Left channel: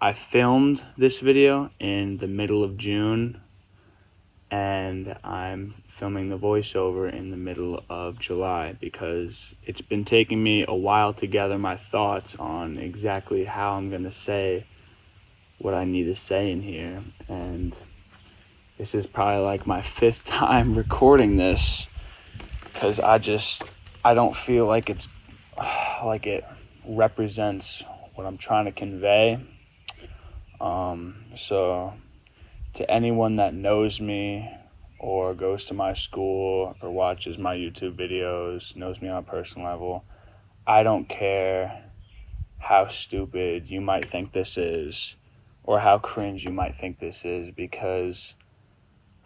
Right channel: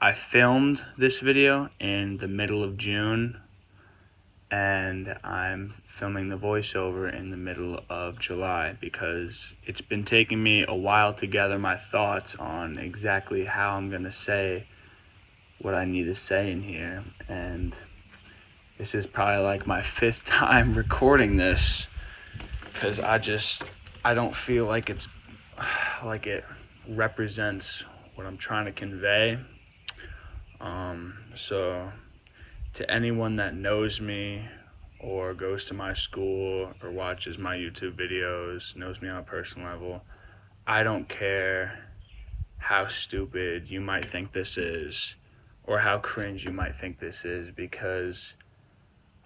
I filmed this video in the middle of June, and I'm filming the voiceover in the middle of July because it's been taking me a while to gather my thoughts on exactly how I'm gonna say what I need to say in here. And this is probably like my 5th time recording this because I don't feel like it represents what I'm trying to convey. So to anyone that knows me or goes to my school or watches my YouTube videos, knows me on a personal level, I don't care how stupid you might think this is or how cringe you might think this is, because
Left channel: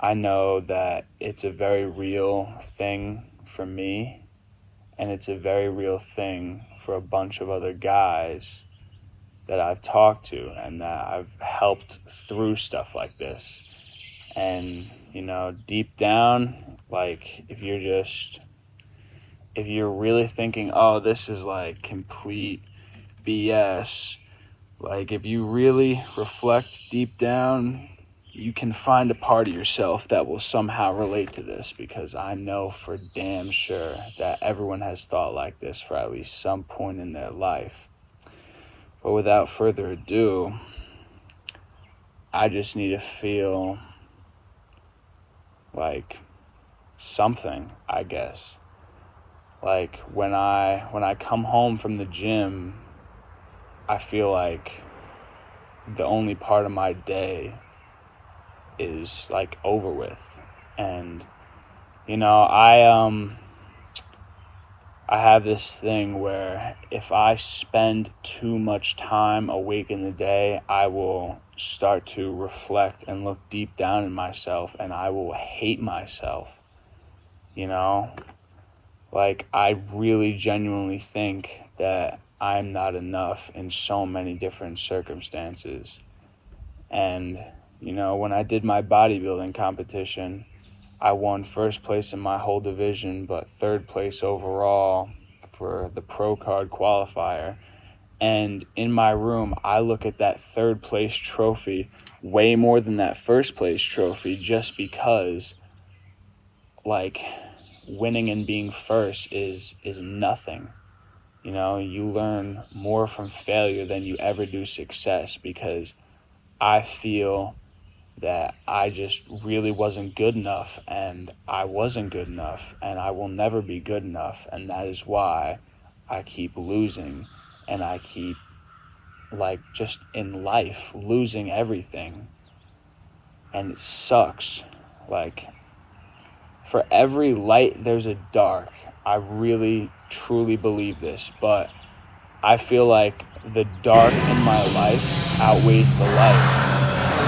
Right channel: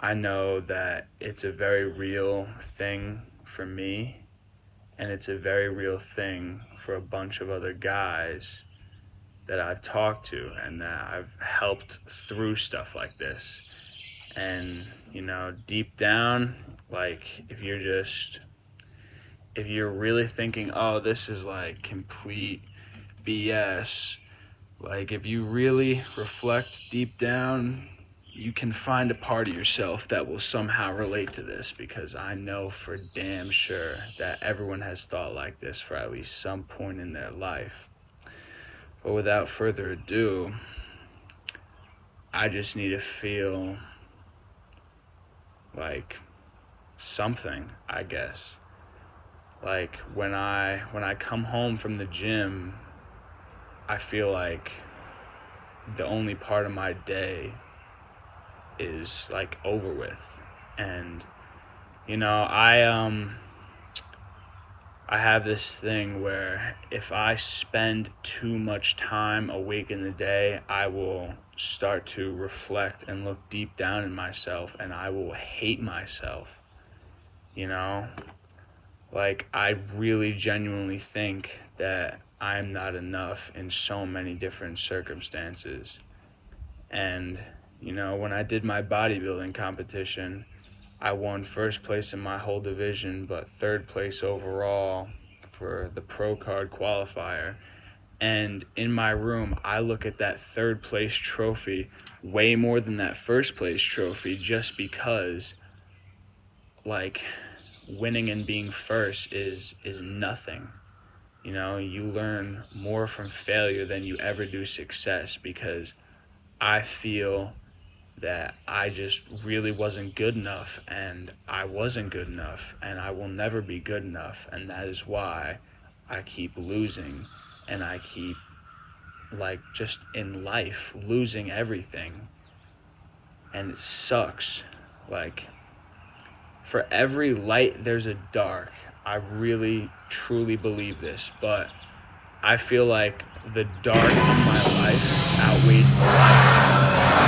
I know that it's a very real thing for me, and it's a very real thing for a bunch of other guys that I've talked to and that I've helped through stuff like this. And, deep down, like, if you're really thinking, oh, this is like complete BS, like, if you really reflect deep down, you can find a part of yourself that will somehow relate to this, because I know for damn sure that everyone has thought like this for at least some point in their life. But without further ado, I just need to feel like something, I guess. Like when I come home from the gym, I feel like the only part of my day is like over with. And I have this thing where if I spend too much time awake in the day, I will start to reflect and look deep down in myself, and I will hate myself. Like, I really genuinely think that I'm not enough in so many different circumstances. And, when I did my bodybuilding competition, I won 1st place in my whole division, but 3rd place overall for the pro card qualifier. And in my room, I look at that 3rd place trophy way more than that 1st place trophy, just because, like, winning and being first is nothing. You learn more from failure than you ever do success, because I feel that I just really wasn't good enough, and I wasn't good enough, and I will never be good enough, and that is why I keep losing, and I keep, like, just in life, losing everything. And it sucks. Like, for every light, there's a dark. I really, truly believe this, but I feel like the dark in my life outweighs the light.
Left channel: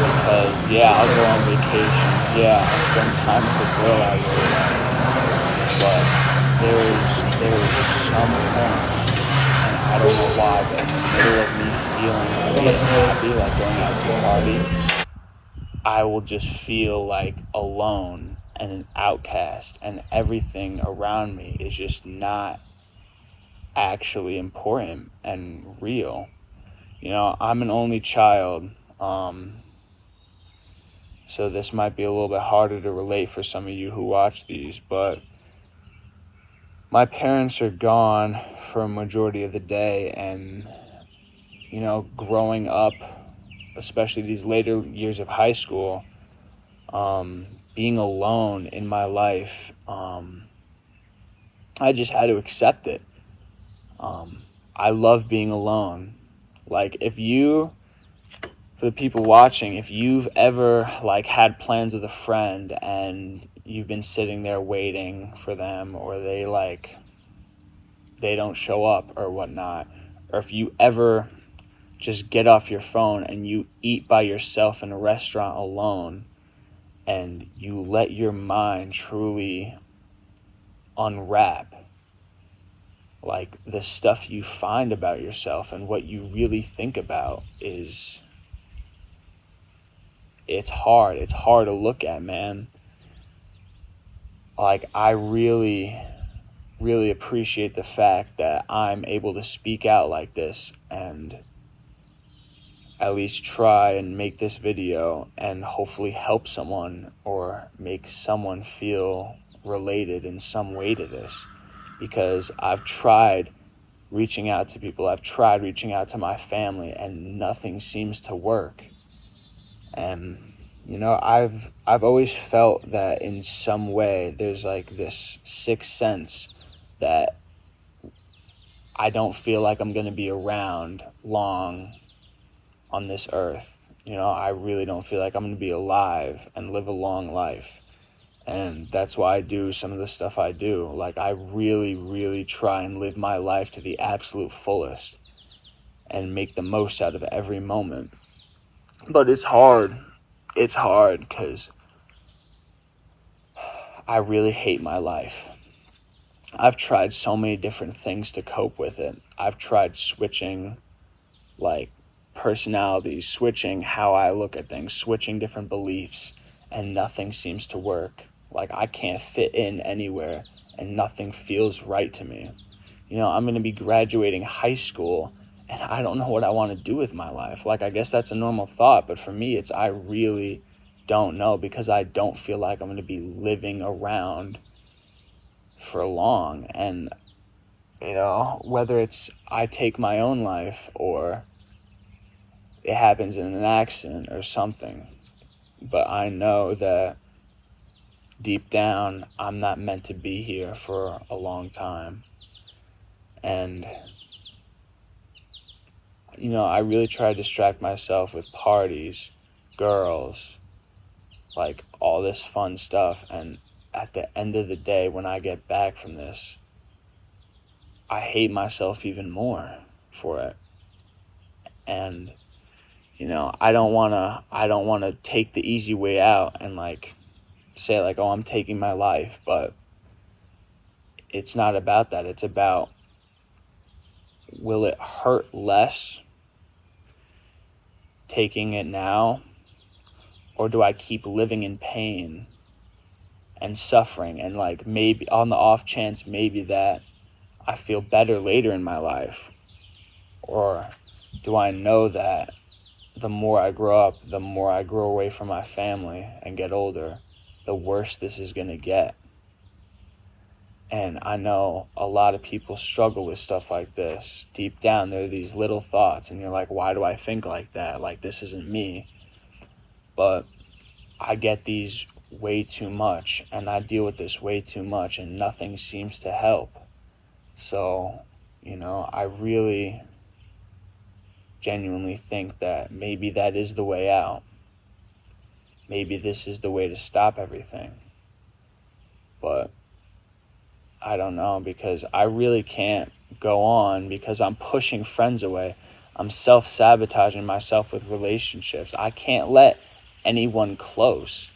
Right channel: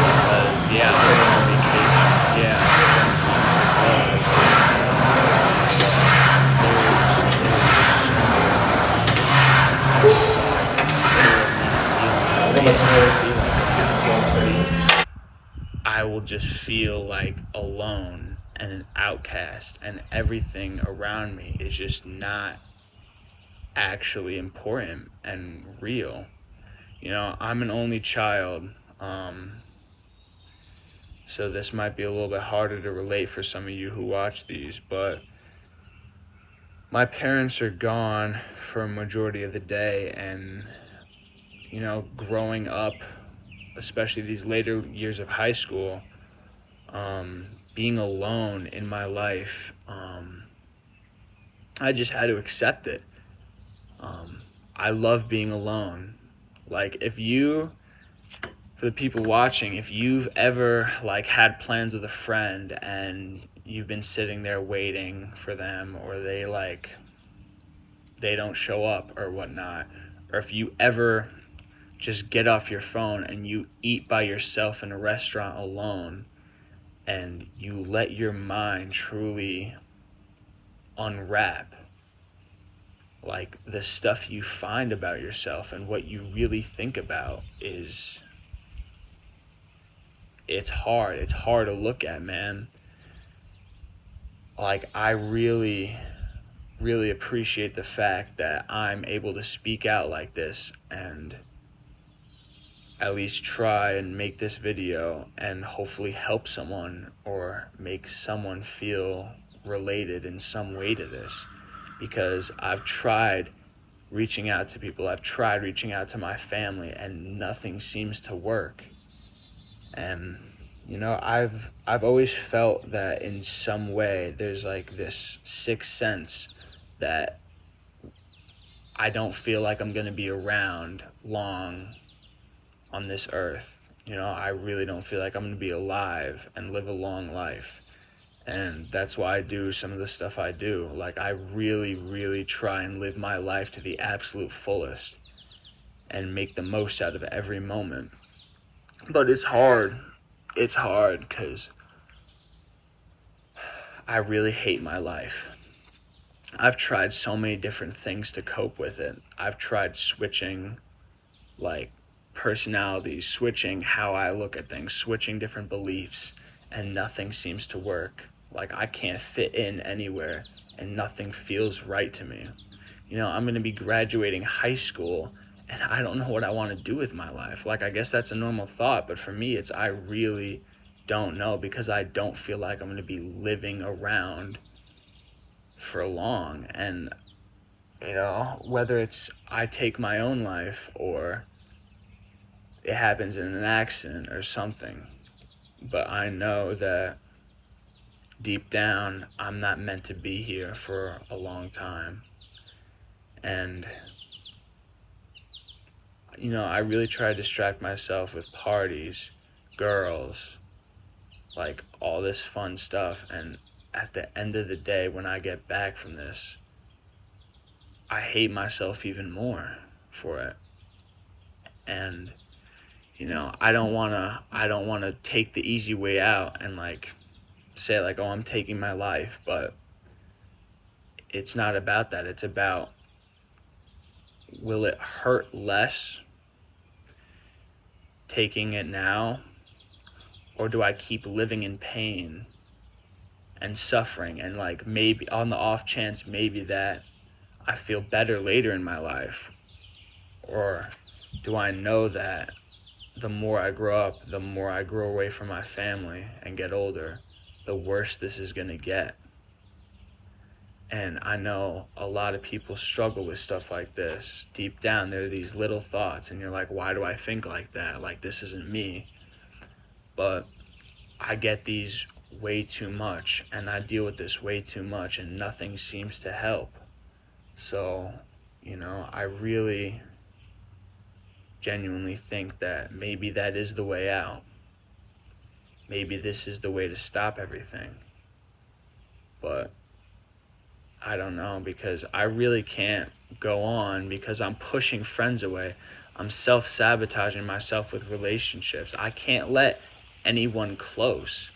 Because, yeah, I'll go on vacation. Yeah, spend time with the girl I was with. But there's so many moments I will just feel like alone and an outcast, and everything around me is just not actually important and real. I'm an only child, so this might be a little bit harder to relate for some of you who watch these, but my parents are gone for a majority of the day, and growing up, especially these later years of high school, being alone in my life, I just had to accept it. I love being alone. Like, for the people watching, if you've ever had plans with a friend and you've been sitting there waiting for them, or they don't show up or whatnot, or if you ever just get off your phone and you eat by yourself in a restaurant alone, and you let your mind truly unwrap, like, the stuff you find about yourself and what you really think about it's hard to look at, man. Like, I really, really appreciate the fact that I'm able to speak out like this, and at least try and make this video and hopefully help someone or make someone feel related in some way to this, because I've tried reaching out to people, I've tried reaching out to my family, and nothing seems to work. And I've always felt that in some way there's like this sixth sense that I don't feel like I'm going to be around long on this earth. I really don't feel like I'm going to be alive and live a long life. And that's why I do some of the stuff I do. Like, I really, really try and live my life to the absolute fullest and make the most out of every moment. But it's hard. It's hard because I really hate my life. I've tried so many different things to cope with it. I've tried switching, like, personalities, switching how I look at things, switching different beliefs, and nothing seems to work. Like, I can't fit in anywhere, and nothing feels right to me. I'm going to be graduating high school, and I don't know what I want to do with my life. Like, I guess that's a normal thought, but for me, I really don't know, because I don't feel like I'm going to be living around for long. And, whether it's I take my own life or it happens in an accident or something, but I know that deep down, I'm not meant to be here for a long time. And, I really try to distract myself with parties, girls, like all this fun stuff. And at the end of the day, when I get back from this, I hate myself even more for it. And, I don't want to take the easy way out and say oh, I'm taking my life, but it's not about that. It's about, will it hurt less taking it now, or do I keep living in pain and suffering, and maybe on the off chance maybe that I feel better later in my life? Or do I know that the more I grow up, the more I grow away from my family and get older, the worse this is going to get? And I know a lot of people struggle with stuff like this. Deep down, there are these little thoughts, and you're like, why do I think like that? Like, this isn't me. But I get these way too much, and I deal with this way too much, and nothing seems to help. So, I really genuinely think that maybe that is the way out. Maybe this is the way to stop everything. But I don't know, because I really can't go on, because I'm pushing friends away. I'm self-sabotaging myself with relationships. I can't let anyone close.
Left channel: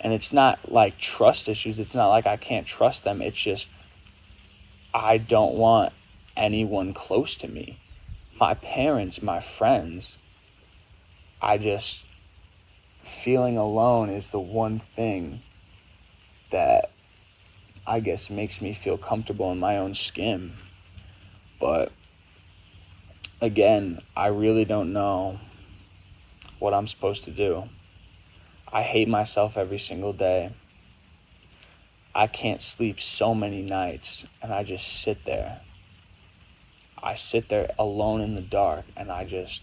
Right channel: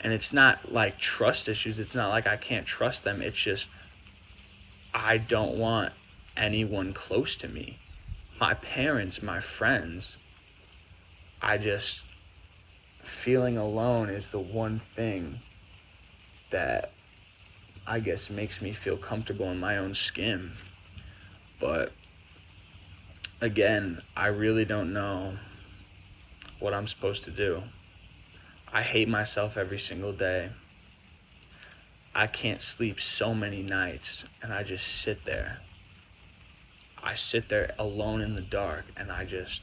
And it's not like trust issues. It's not like I can't trust them. It's just I don't want anyone close to me. My parents, my friends. Feeling alone is the one thing that I guess makes me feel comfortable in my own skin. But again, I really don't know what I'm supposed to do. I hate myself every single day. I can't sleep so many nights, and I just sit there. I sit there alone in the dark, and I just,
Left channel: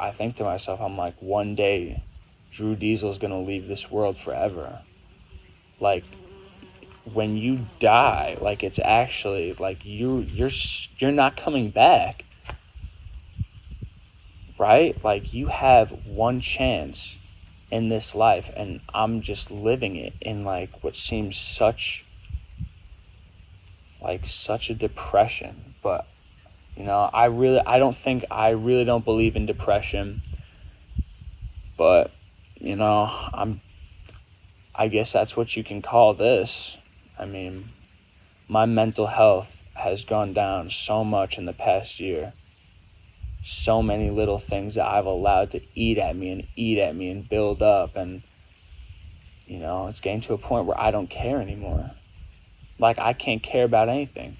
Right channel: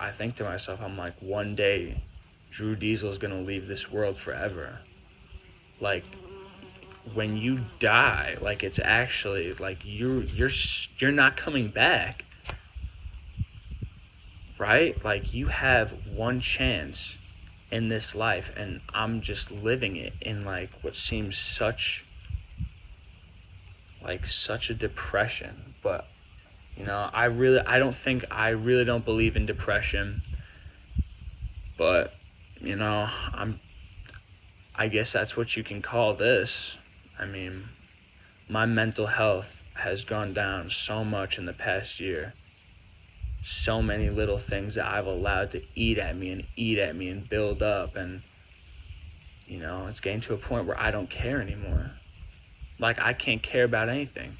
I think to myself, I'm like, one day Drew Diesel's gonna leave this world forever. Like, when you die, it's actually you're not coming back, right? You have one chance in this life, and I'm just living it in what seems such a depression. But I really don't believe in depression, but I guess that's what you can call this. I mean, my mental health has gone down so much in the past year. So many little things that I've allowed to eat at me and build up. And, it's getting to a point where I don't care anymore. I can't care about anything.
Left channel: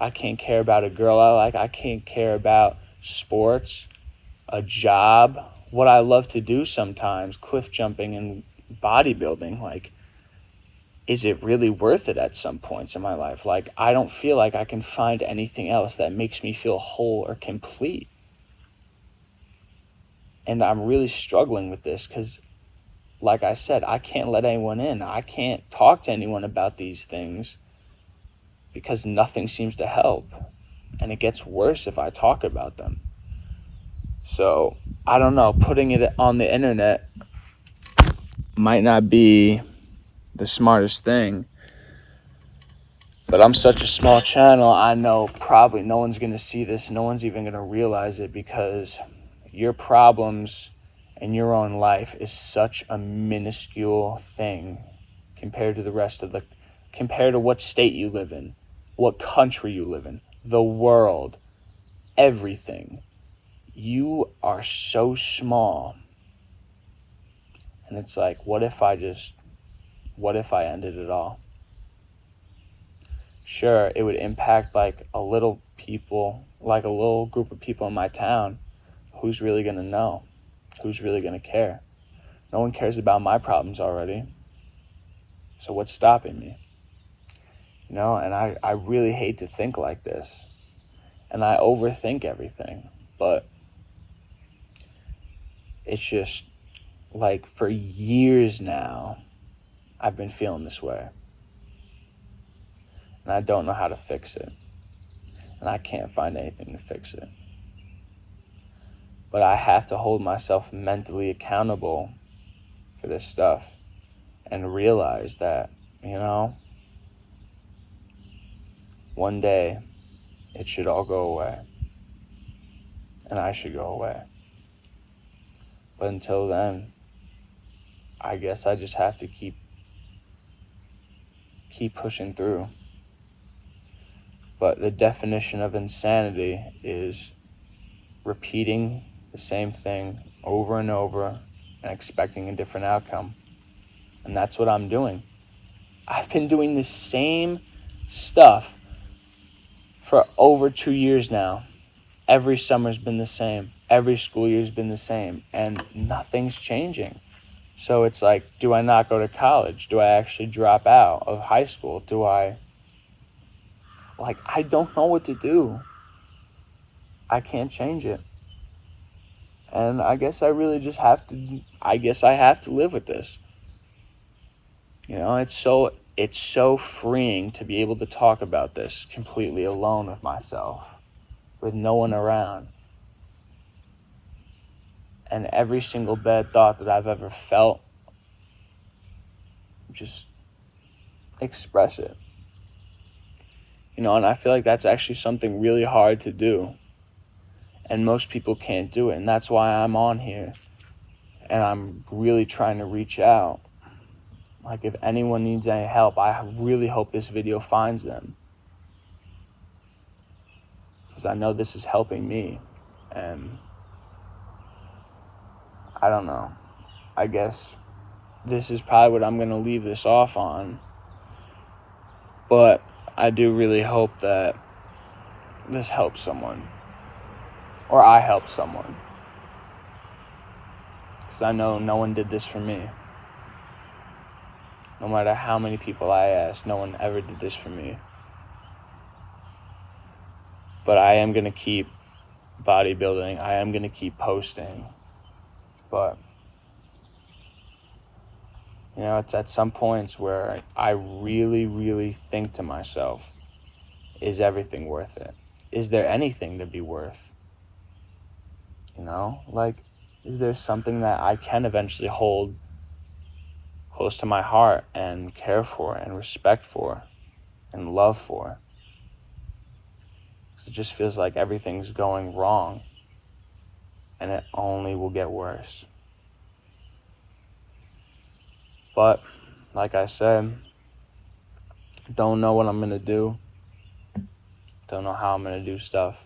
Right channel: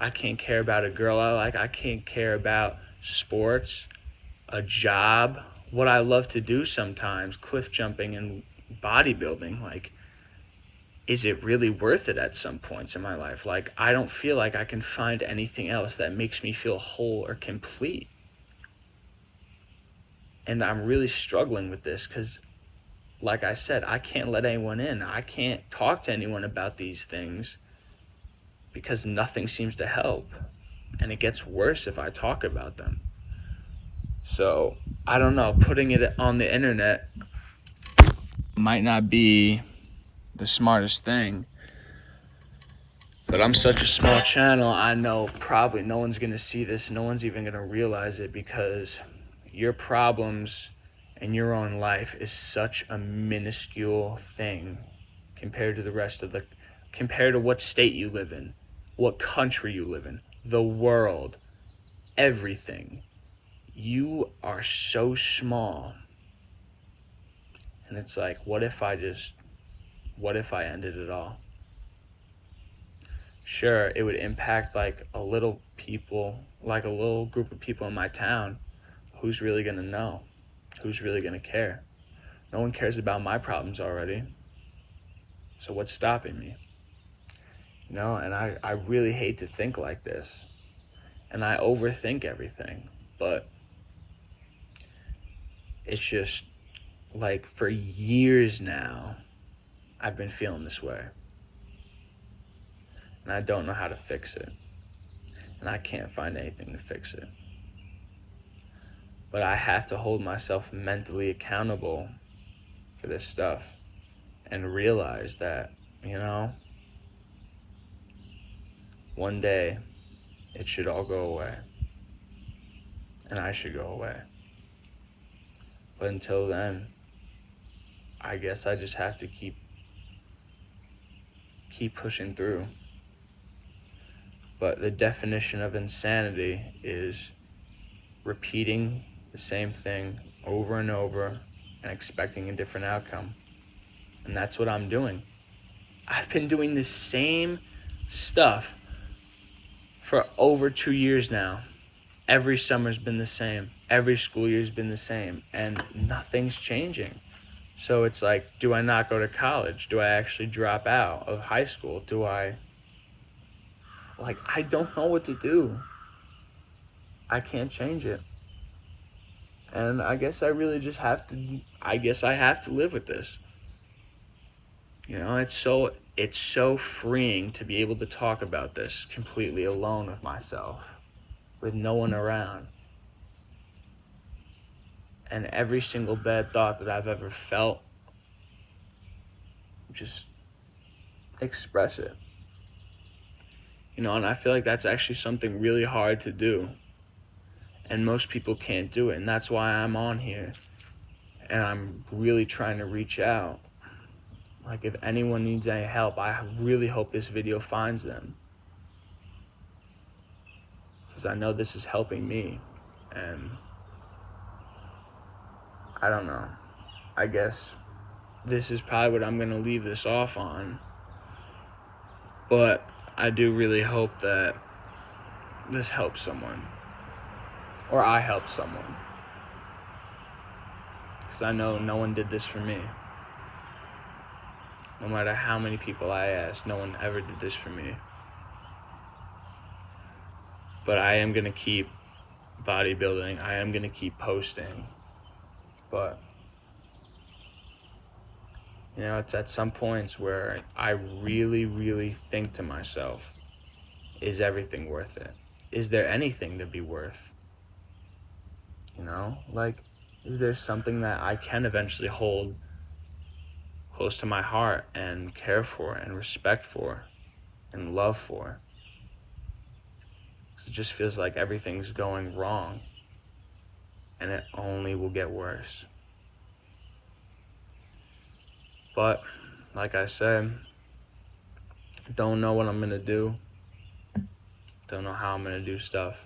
I can't care about a girl I like. I can't care about sports. a job, what I love to do sometimes, cliff jumping and bodybuilding, like, is it really worth it at some points in my life? Like, I don't feel like I can find anything else that makes me feel whole or complete. And I'm really struggling with this because, like I said, I can't let anyone in. I can't talk to anyone about these things because nothing seems to help. And it gets worse if I talk about them. So, I don't know, putting it on the internet might not be the smartest thing. But I'm such a small channel, I know probably no one's going to see this. No one's even going to realize it because your problems in your own life is such a minuscule thing compared to the rest of compared to what state you live in, what country you live in, the world, everything. You are so small. And it's like, what if I ended it all? Sure, it would impact like a little group of people in my town. Who's really going to know? Who's really going to care? No one cares about my problems already. So what's stopping me? And I really hate to think like this. And I overthink everything. But it's just like for years now, I've been feeling this way. And I don't know how to fix it. And I can't find anything to fix it. But I have to hold myself mentally accountable for this stuff and realize that, one day it should all go away. And I should go away. But until then, I guess I just have to keep pushing through. But the definition of insanity is repeating the same thing over and over and expecting a different outcome. And that's what I'm doing. I've been doing the same stuff for over 2 years now. Every summer's been the same. Every school year's been the same. And nothing's changing. So it's like, do I not go to college? Do I actually drop out of high school? I don't know what to do. I can't change it. And I guess I really just have to live with this. It's so freeing to be able to talk about this completely alone with myself, with no one around. And every single bad thought that I've ever felt, just express it. And I feel like that's actually something really hard to do. And most people can't do it. And that's why I'm on here. And I'm really trying to reach out. Like, if anyone needs any help, I really hope this video finds them. Because I know this is helping me. And I don't know. I guess this is probably what I'm going to leave this off on. But I do really hope that this helps someone. Or I help someone. Because I know no one did this for me. No matter how many people I asked, no one ever did this for me. But I am going to keep bodybuilding. I am going to keep posting. But, it's at some points where I really, really think to myself, is everything worth it? Is there anything to be worth? Is there something that I can eventually hold close to my heart and care for and respect for and love for? It just feels like everything's going wrong and it only will get worse. But like I said, don't know what I'm going to do. Don't know how I'm going to do stuff.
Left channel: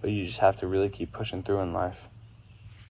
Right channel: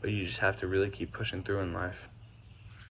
But you just have to really keep pushing through in life.